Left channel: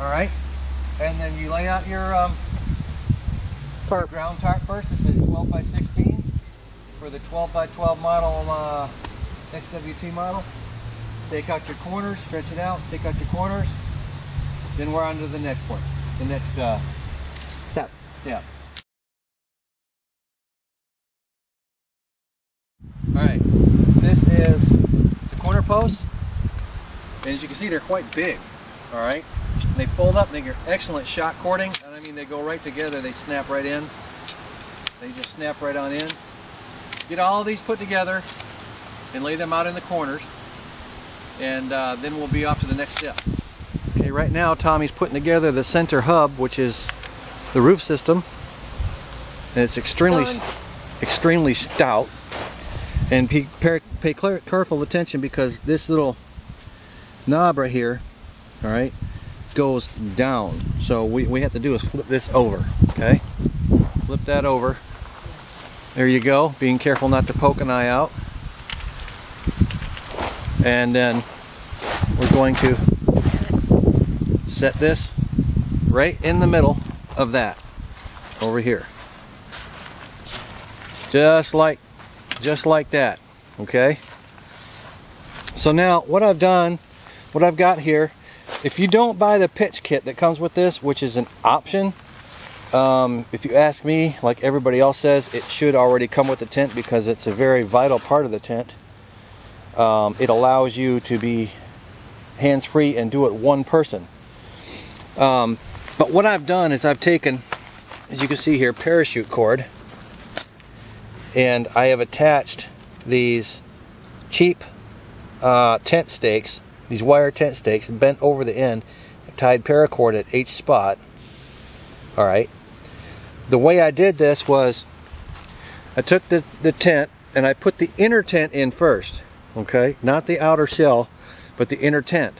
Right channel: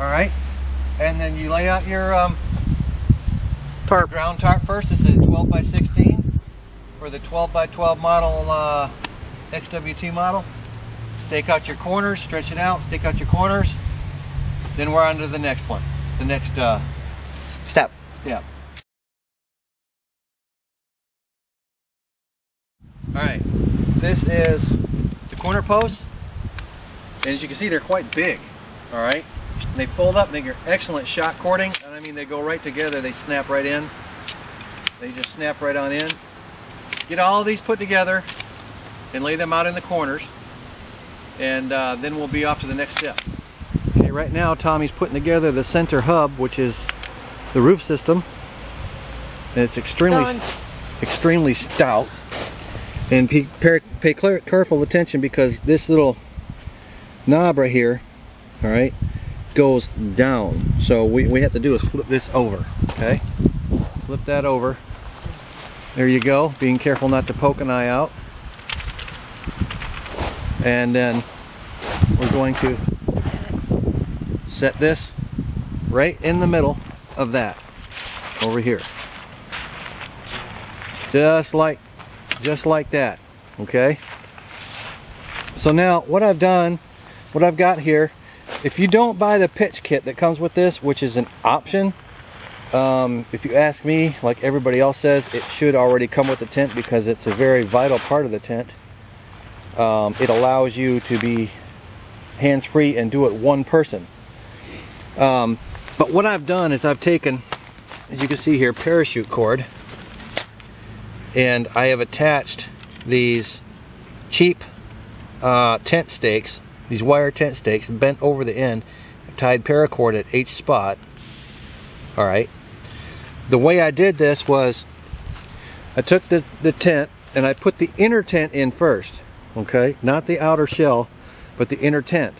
All right, and then you lay out your Tarp. ground tarp first. This is a 12 by 16 for the 12 by 12 model XWT model. Stake out your corners, stretch it out, stake out your corners. Then we're on to the next one, the next Step. All right, this is the corner posts, and as you can see, they're quite big. All right, and they fold up. They get excellent shot cording, and I mean they go right together. They snap right in. They just snap right on in. Get all these put together and lay them out in the corners, and then we'll be off to the next step. Okay, right now Tommy's putting together the center hub, which is the roof system, and it's extremely stout. And pay careful attention, because this little knob right here, all right, goes down. So we have to do is flip this over. Okay, flip that over. There you go. Being careful not to poke an eye out. And then we're going to set this right in the middle of that over here, just like that. Okay, so now what I've got here, if you don't buy the pitch kit that comes with this, which is an option, if you ask me, like everybody else says, it should already come with the tent, because it's a very vital part of the tent. It allows you to be hands-free and do it one person. But what I've done is I've taken, as you can see here, parachute cord, and I have attached these cheap tent stakes, these wire tent stakes, bent over the end, tied paracord at each spot. All right. The way I did this was I took the tent and I put the inner tent in first. Okay, not the outer shell, but the inner tent.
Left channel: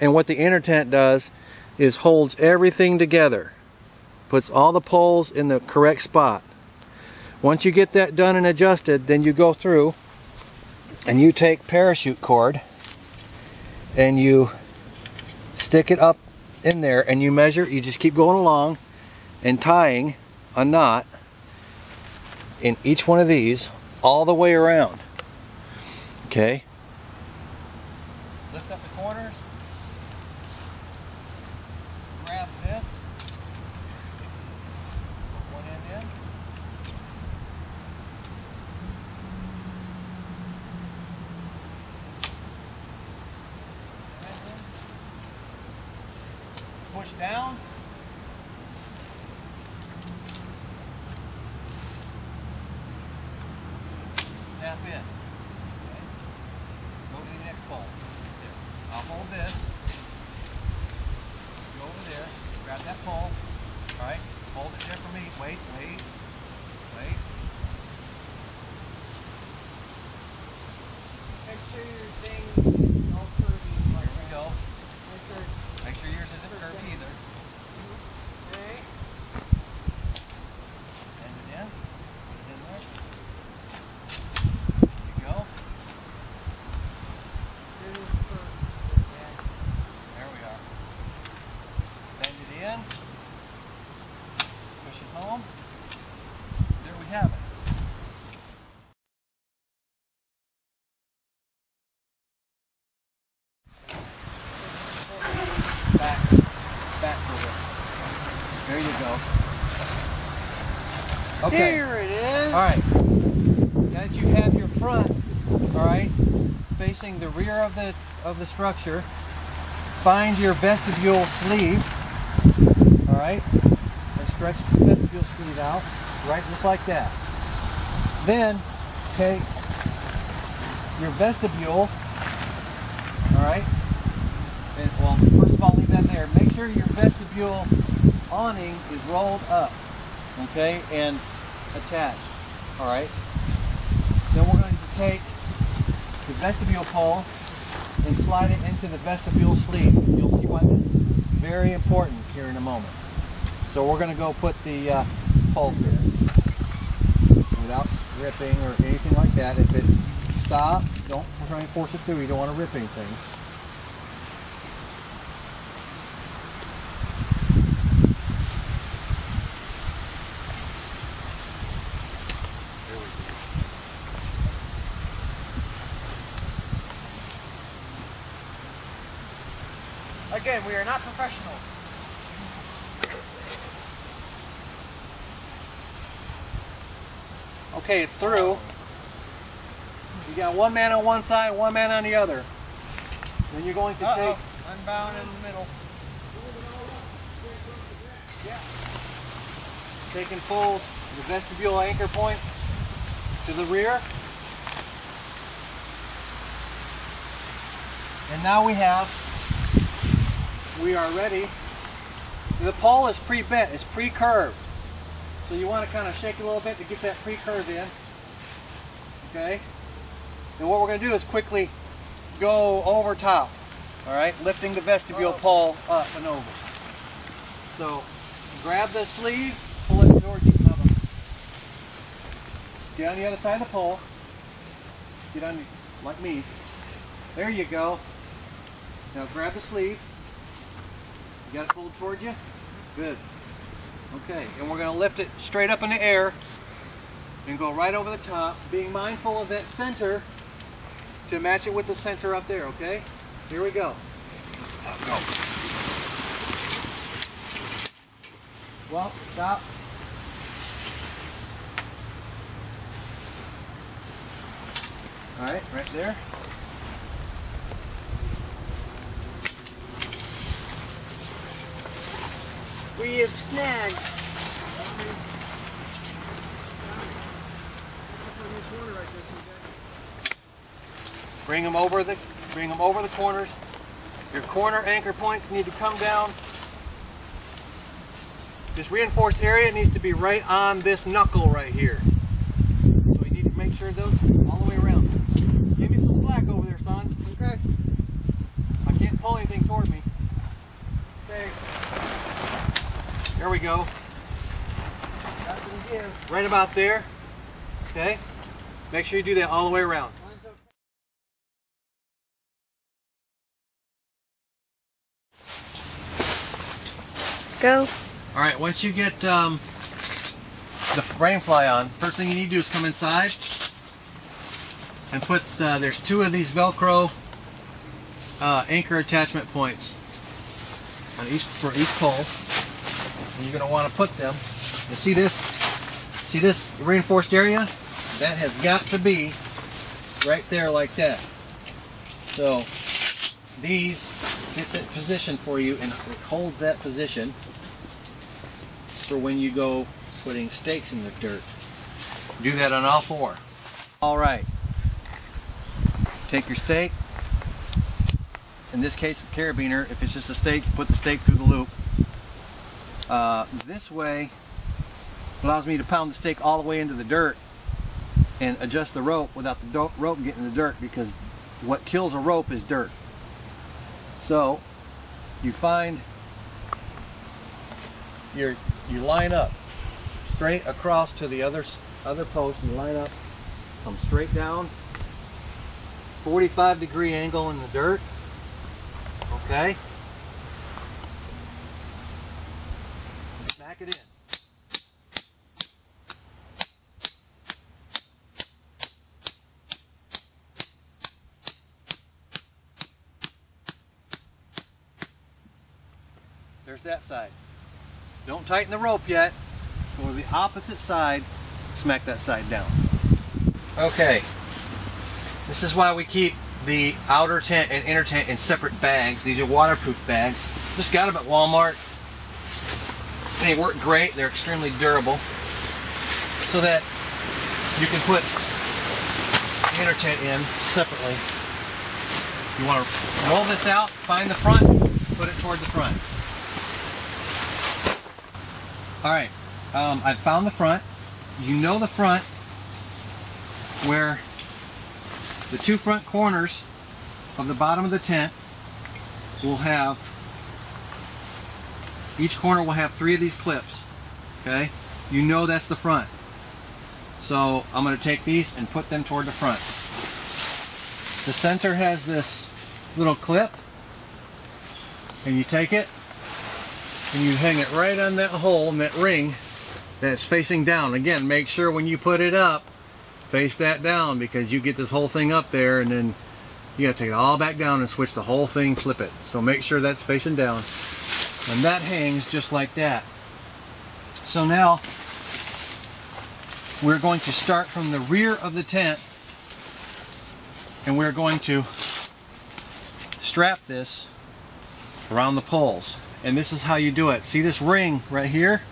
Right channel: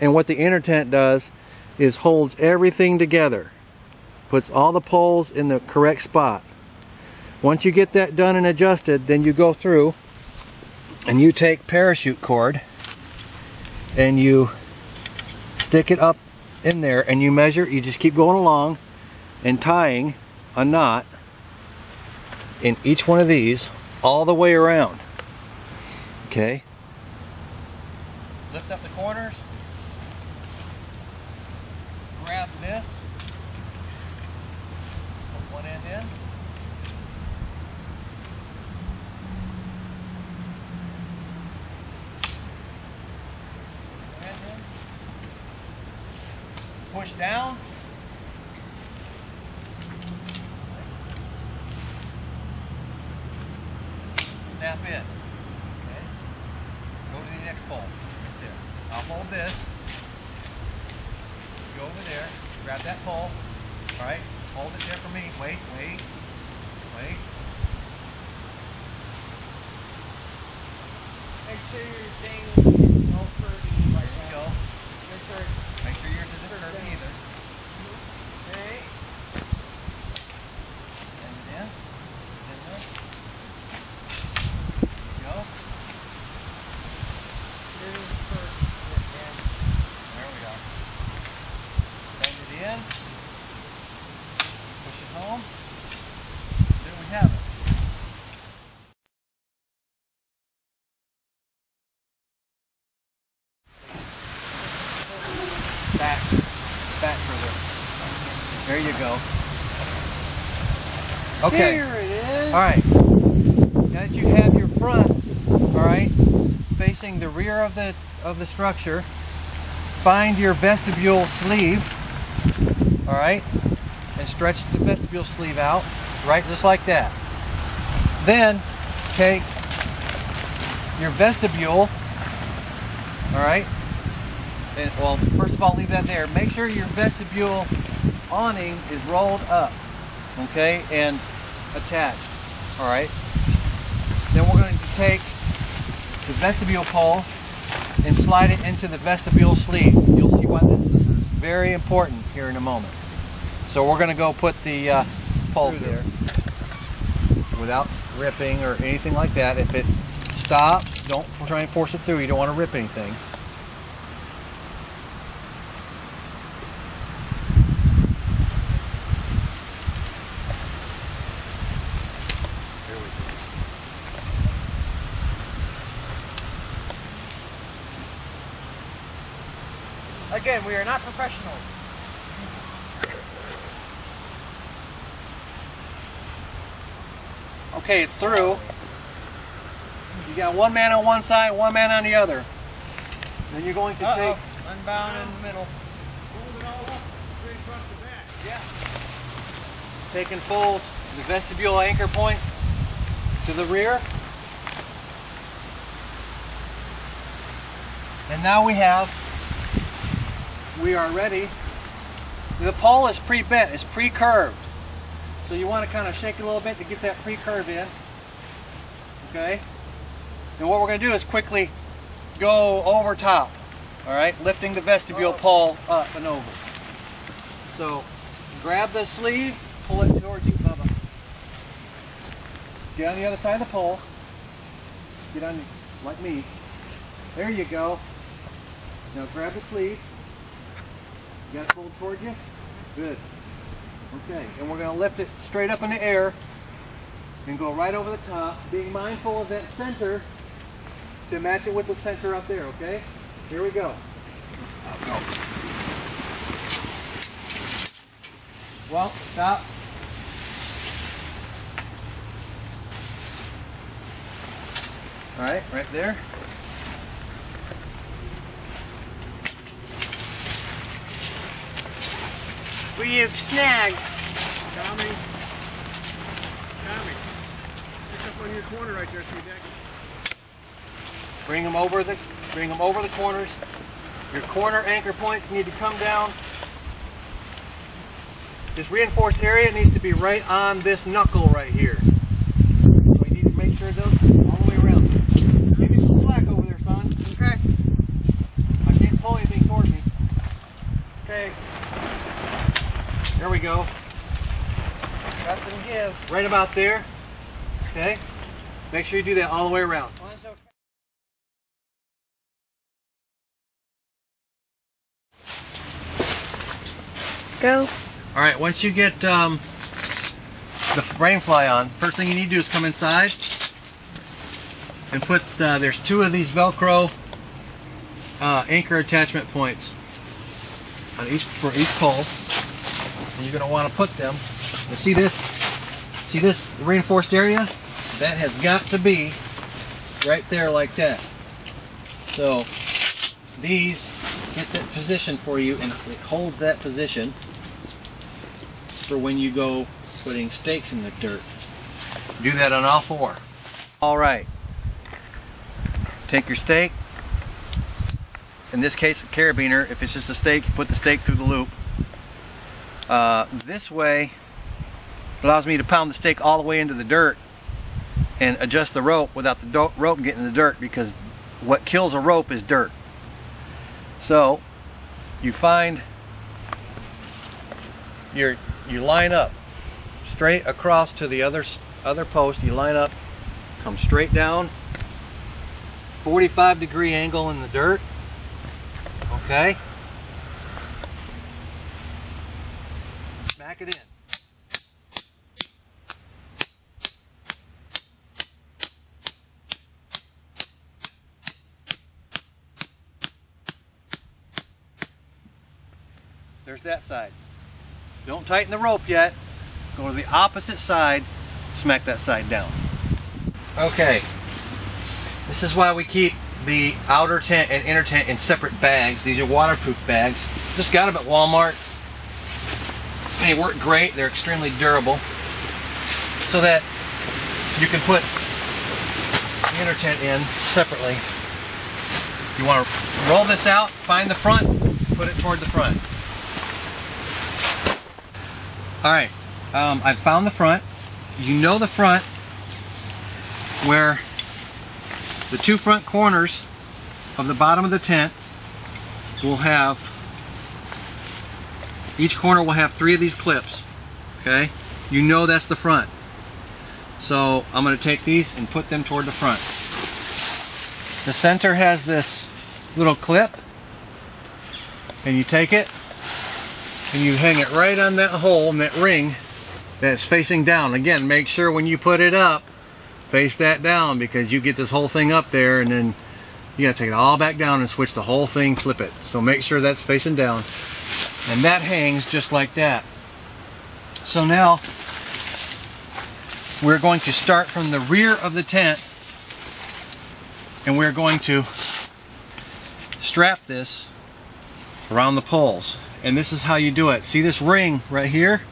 And what the inner tent does is holds everything together, puts all the poles in the correct spot. Once you get that done and adjusted, then you go through and you take parachute cord and you stick it up in there, and you measure. You just keep going along and tying a knot in each one of these all the way around. Okay, lift up the corners, grab this, put one end in, push down, snap in. Okay, go to the next pole. Right there. I'll hold this. Go over there, grab that pole. All right, hold it there for me. Wait. Make sure your thing is all curvy like There we that. go. Make sure Make sure yours isn't curvy either. Alright. Bend it in. Put it in there. There you go. Here's first. There we are. Bend it in. Push it home. There we have it. Back further. There you go. Okay. Here it is. All right. Now that you have your front, all right, facing the rear of the structure, find your vestibule sleeve, all right, and stretch the vestibule sleeve out, right, just like that. Then take your vestibule, all right. And, well, first of all, leave that there. Make sure your vestibule awning is rolled up, okay, and attached, all right. Then we're going to take the vestibule pole and slide it into the vestibule sleeve. You'll see why this is very important here in a moment. So we're going to go put the pole through there without ripping or anything like that. If it stops, don't try and force it through. You don't want to rip anything. Again, we are not professionals. Okay, it's through. You got one man on one side, one man on the other. Then you're going to take... Unbound in the middle. Yeah. Take and fold the vestibule anchor point to the rear. And now we are ready. The pole is pre-bent, it's pre-curved. So you want to kind of shake it a little bit to get that pre-curve in. Okay? And what we're going to do is quickly go over top. Alright? Lifting the vestibule pole up and over. So grab the sleeve, pull it towards you, Bubba. Get on the other side of the pole. Get on, like me. There you go. Now grab the sleeve. You got it pulled towards you? Good. Okay, and we're going to lift it straight up in the air and go right over the top, being mindful of that center to match it with the center up there, okay? Here we go. Go. Well, stop. All right, right there. We have snagged. Bring them over the corners. Your corner anchor points need to come down. This reinforced area needs to be right on this knuckle right here. So you need to make sure those all the way around. Give me some slack over there, son. Okay. I can't pull anything toward me. Okay. There we go. Got some give. Right about there. Okay. Make sure you do that all the way around. Mine's okay. Go. All right, once you get the brain fly on, first thing you need to do is come inside and put, there's two of these Velcro anchor attachment points on for each pole. And you're going to want to put them, you see this reinforced area? That has got to be right there like that. So these get that position for you, and it holds that position for when you go putting stakes in the dirt. Do that on all four. All right. Take your stake. In this case, a carabiner. If it's just a stake, you put the stake through the loop. This way allows me to pound the stake all the way into the dirt and adjust the rope without the rope getting in the dirt, because what kills a rope is dirt. So you find you line up straight across to the other post. You line up, come straight down, 45-degree angle in the dirt. Okay. Back it in. There's that side. Don't tighten the rope yet. Go to the opposite side, smack that side down. Okay. This is why we keep the outer tent and inner tent in separate bags. These are waterproof bags. Just got them at Walmart. They work great. They're extremely durable. So that you can put the inner tent in separately. You want to roll this out, find the front, put it toward the front. Alright, I've found the front. You know the front where the two front corners of the bottom of the tent will have, each corner will have 3 of these clips. Okay, you know that's the front. So I'm going to take these and put them toward the front. The center has this little clip, and you take it and you hang it right on that hole in that ring that's facing down. Again, make sure when you put it up, face that down, because you get this whole thing up there and then You gotta take it all back down and switch the whole thing, flip it. So make sure that's facing down. And that hangs just like that. So now we're going to start from the rear of the tent, and we're going to strap this around the poles. And this is how you do it. See this ring right here?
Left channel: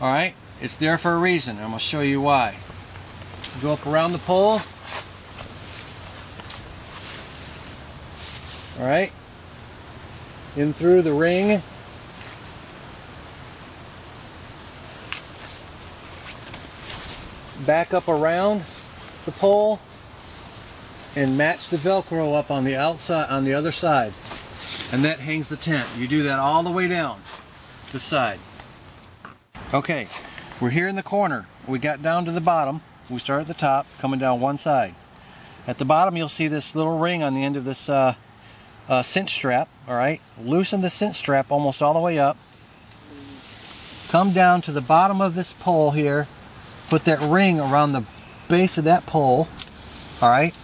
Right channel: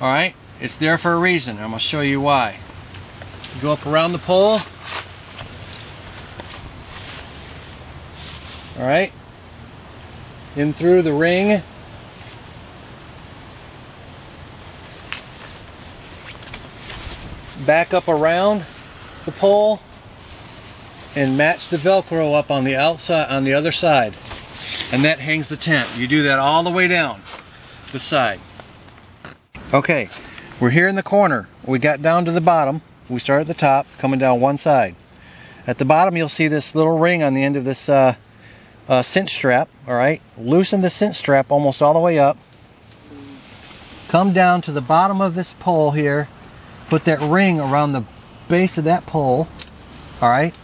All right, it's there for a reason. I'm gonna show you why. Go up around the pole. All right, in through the ring. Back up around the pole and match the Velcro up on the outside, on the other side. And that hangs the tent. You do that all the way down the side. Okay, we're here in the corner. We got down to the bottom. We start at the top, coming down one side. At the bottom, you'll see this little ring on the end of this cinch strap. All right, loosen the cinch strap almost all the way up. Come down to the bottom of this pole here. Put that ring around the base of that pole. All right,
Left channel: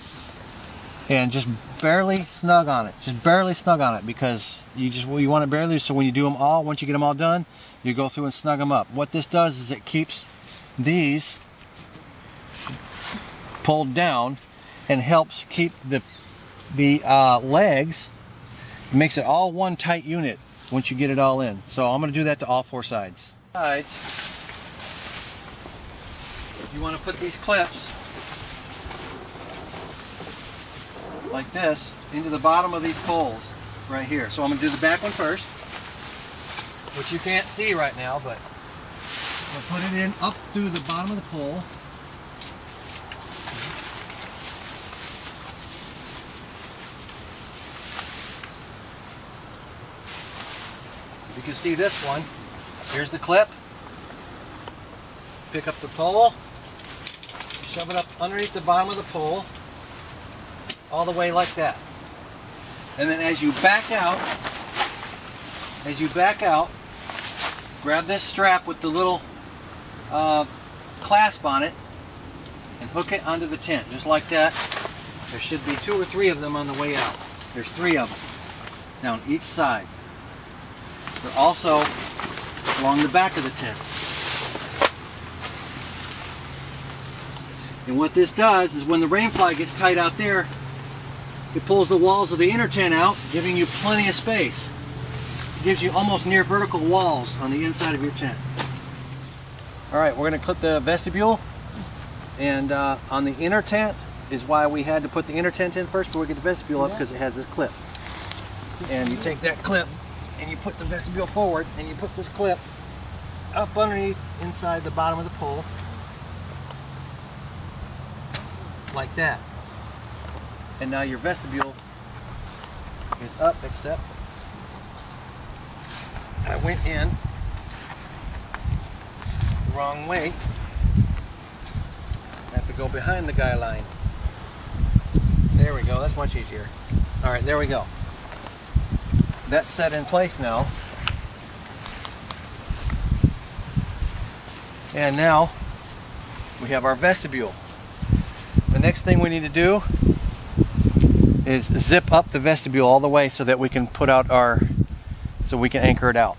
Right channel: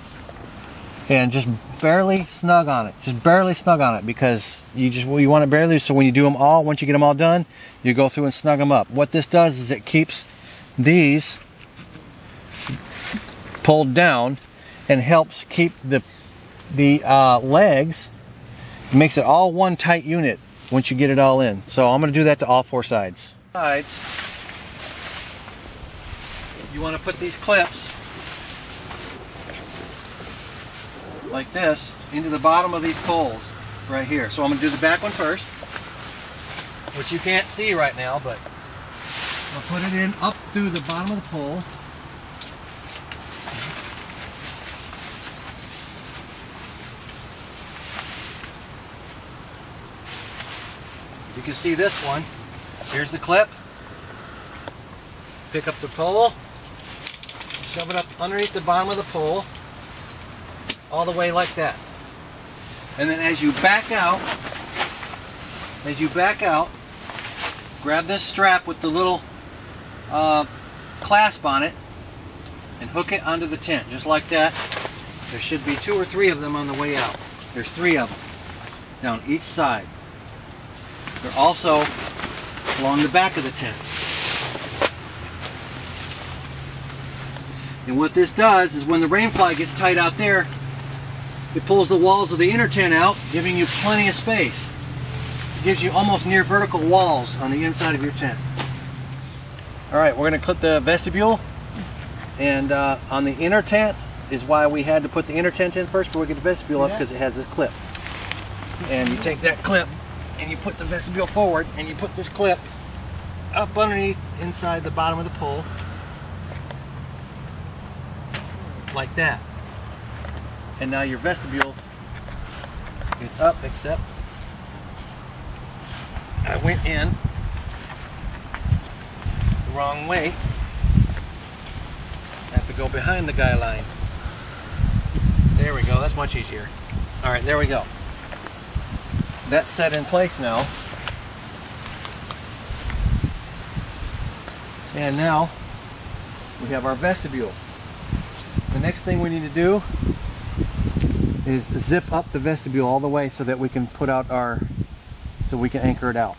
and just barely snug on it. Just barely snug on it, because you want it barely. So when you do them all, once you get them all done, you go through and snug them up. What this does is it keeps these pulled down and helps keep the legs. It makes it all one tight unit once you get it all in. So I'm going to do that to all four sides. You want to put these clips like this into the bottom of these poles right here. So I'm going to do the back one first, which you can't see right now, but I'll put it in up through the bottom of the pole. You can see this one. Here's the clip. Pick up the pole, shove it up underneath the bottom of the pole, all the way like that. And then as you back out, grab this strap with the little clasp on it and hook it onto the tent, just like that. There should be 2 or 3 of them on the way out. There's 3 of them down each side. They're also along the back of the tent. And what this does is when the rain fly gets tight out there, it pulls the walls of the inner tent out, giving you plenty of space. It gives you almost near vertical walls on the inside of your tent. All right, we're going to clip the vestibule, and on the inner tent is why we had to put the inner tent in first before we get the vestibule up, because it has this clip. And you take that clip and you put the vestibule forward, and you put this clip up underneath inside the bottom of the pole like that. And now your vestibule is up, except I went in the wrong way. I have to go behind the guy line. There we go, that's much easier. All right, there we go. That's set in place now. And now we have our vestibule. The next thing we need to do is zip up the vestibule all the way so that we can put out so we can anchor it out.